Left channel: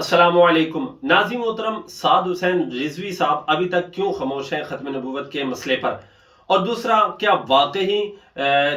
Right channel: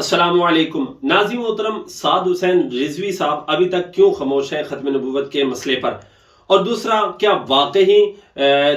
अस्सलामुअलैकुम। नाज़िम मोहतरम साद हुसैन रिजवी साहब अभी तक क्यों खामोश हैं खत्म नबूवत के मसले पर? और दूसरा, क्या वाकई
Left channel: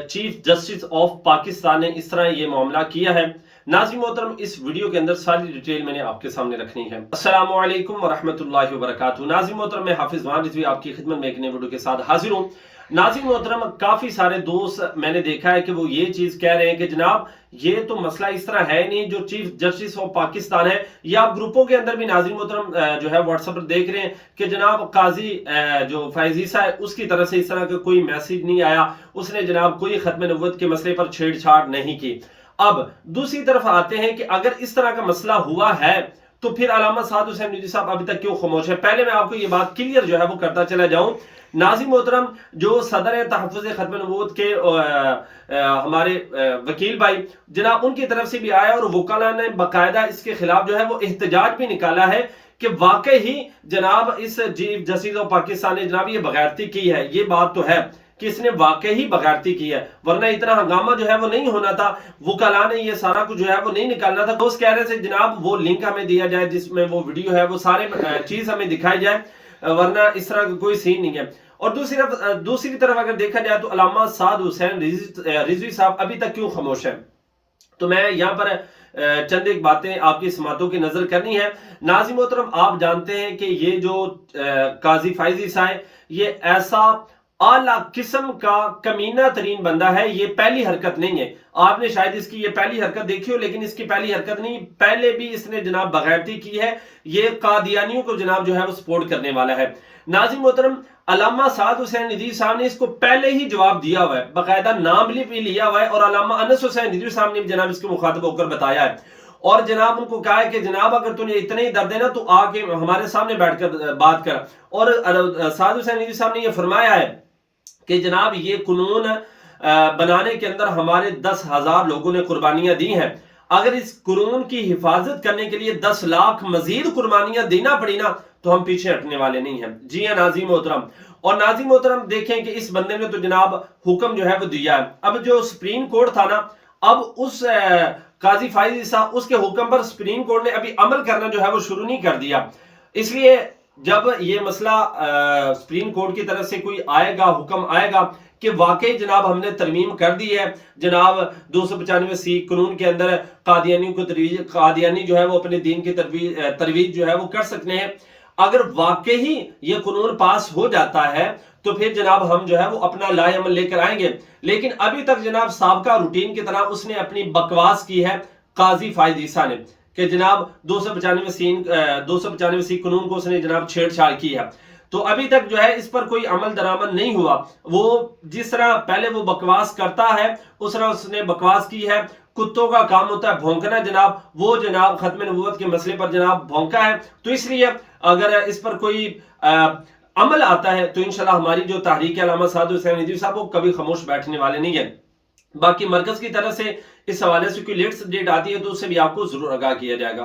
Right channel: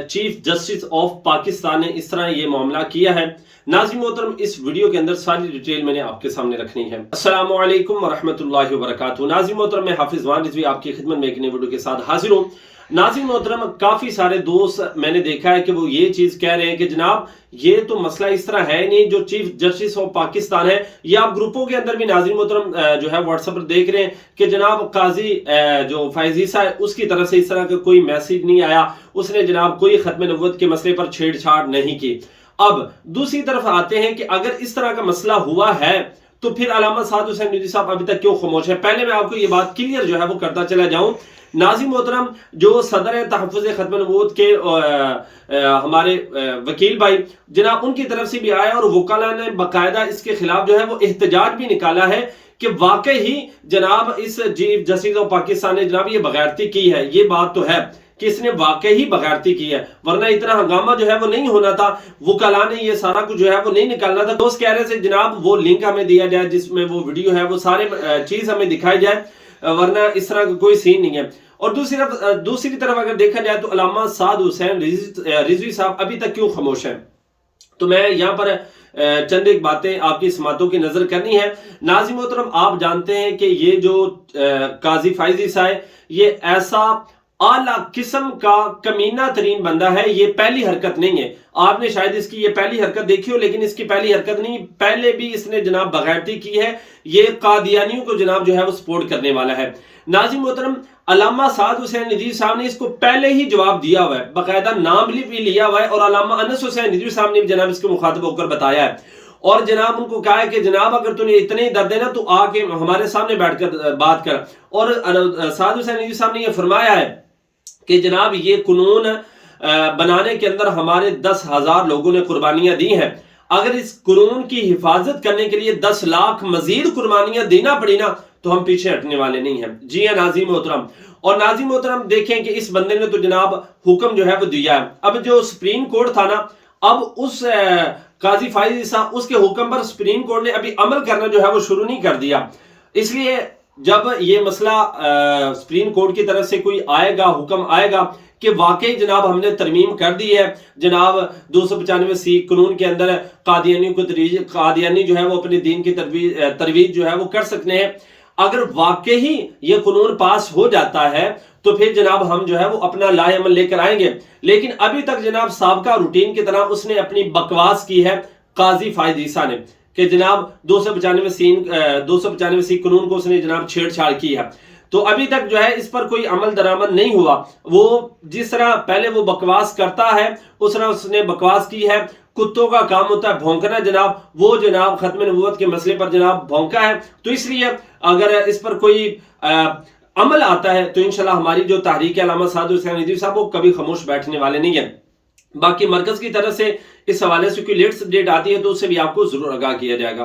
चीफ जस्टिस ऑफ पाकिस्तान ने इस तरह ये मामला किया है? नाज़िम मोहतरम, इस वीडियो के अंदर सारी डिटेल मैंने आपके सामने रखनी है। अस्सलामुअलैकुम वरहमतुल्लाहि वबरकातुहू। नाज़िम मोहतरम, मैं हाफिज वान रिजवी आपकी खिदमत में एक नई वीडियो के साथ हाजिर हूँ। नाज़िम मोहतरम, काफ़ी सारे दोस्त मैंने देखा है कि वो ये चीज़ कह रहे हैं कि जनाब ये तो मसला इस तरह है नहीं, जो चीफ जस्टिस ऑफ पाकिस्तान है, या आप ग्रुपों के अंदर भी नाज़िम मोहतरम जो है व्हाट्सएप पर देख रहे हैं कि जनाब काजी जो फैज़ ईसा है उसकी तरफ से इस तरह का कोई मैसेज नहीं आया, उसने जनाब कोई खत्म नबूवत के मसले पर छेड़छाड़ नहीं की। अब दूसरी तरफ आते हैं कि अगर इस तरह का मसला हुआ है तो फिर अल्लामा साद हुसैन रिजवी साहब अभी तक क्यों खामोश है? पहले मैं आपको ये बात क्लियर जो है वो करता चला जाऊं। नाज़िम मोहतरम, जो सदर तहफ़्फ़ुज़ ख़त्म नबूवत के हमारे वकील भाई जनाब उनकी तरफ से भी आया और वकाला ने बाकायदा इसके खिलाफ जो है वो एहतजाज भी निकाला है कि वाकई ही जनाब इस चीफ जस्टिस ऑफ पाकिस्तान ने जनाब ये बगैरती की है। ये बात तो है कि इसने वाकई ही बगैरती की है, वरना इतना हंगामा जो है वो नहीं होना था, वकाला ने ये सारा कुछ जो है वो नहीं निकालना था। दोस्त कह रहे थे जनाब वो लिंक हमें दिया जाए जिसमें वो वीडियो है वो सारे चीज हमें दिखाई जाए, वरना इस तरह का कोई सीन नहीं है। और दूसरी तरफ अगर देखा जाए तो अल्लामा साद हुसैन रिजवी साहब अभी तक क्यों खामोश है? तो मैं यहाँ पर चंद एक बातें आपकी समातों की नजर करनी है। नाज़िम मोहतरम, आप जानते हैं कि ये जो काजी फैज़ ईसा है ये ऐसा आला किस्म का कमीना तरीन बंदा है। ये पहली हरकत नहीं है, आपने शायद इसकी ये पहली हरकत देखी हो, लेकिन इसकी पहली हरकत नहीं, पहले भी इसने जनाब बगैरती की है। ये कादियानियों को जनाब जो है वो सपोर्ट करने वाला है। नाज़िम मोहतरम, अल्लामा साद हुसैन रिजवी साहब ने इसको पहले ही जवाब दिया हुआ है, बाकायदा नाम भी लिया हुआ है, और अल्लामा अनस हुसैन रिजवी साहब ने भी जनाब इसको मुखातब होकर बताया है और जनाब उनको कहा है कि जनाब अगर तुझे इतने ही दर्द है ना तो आके हमारे सामने बैठकर बात कर। और साद हुसैन रिजवी साहब ने यह फरमाया है कि जनाब ये कानून बनाने के अंदर हमारे 10,000 लोगों ने कुर्बानियां दी हैं। अगर इस कानून की हिफाजत करने के लिए 10 लाख मजीद कुर्बानियां देना पड़ी ना तो हम पीछे हटने वाले नहीं हैं। जी हाँ नाज़िम मोहतरम, और नाज़िम मोहतरम देखें कि इस बंदे ने तो जनाब हुक्म जो है वो दिया है। अब जो सुप्रीम कोर्ट था ना, अब उस काजी फैज़ ईसा उसके हुक्म पर सुप्रीम कोर्ट ने अभी अमल करना जो है वो शुरू नहीं कर दिया। इसलिए जब ये मसला सुप्रीम कोर्ट की तरफ से कोई आएगा, हुक्म आएगा कि वाकई जनाब हमने तरमीम कर दी है, जनाब 295C कानून के अंदर कादियानी जो है वो अपने दीन की तरवीज जो है वो कर सकते हैं, अगर वाकई ही ये कानून पास हो जाता है तो फिर जनाब हम जो है वो अपना लाए अमल लेकर आएंगे। लेकिन अभी तक जनाब साबका रूटीन की तरह उसने अपनी बकवास की है काजी फैज़ ईसा ने कि जनाब 295C कानून को उसने जनाब छेड़छाड़ की है। तो अभी तक जो है इस पर कोई अमल दरामद नहीं हुआ। वो जिस तरह पहले वो बकवास करता है उस तरह उसने बकवास की है। कुत्तों का काम होता है भौंकना जनाब, वो जनाब खत्म नबूवत के मसले पर जनाब भौंका है। तो इसलिए अगर इस पर कोई अमल आता है तो इंशाल्लाह हमारी जो तहरीक है अल्लामा साद हुसैन रिजवी साहब वो कभी खामोश बैठने वाले नहीं है। बाकी मरकज की तरफ से इस हवाले से कोई लेटेस्ट अपडेट आती है तो उससे भी आपको जरूर आगाह किया जाएगा।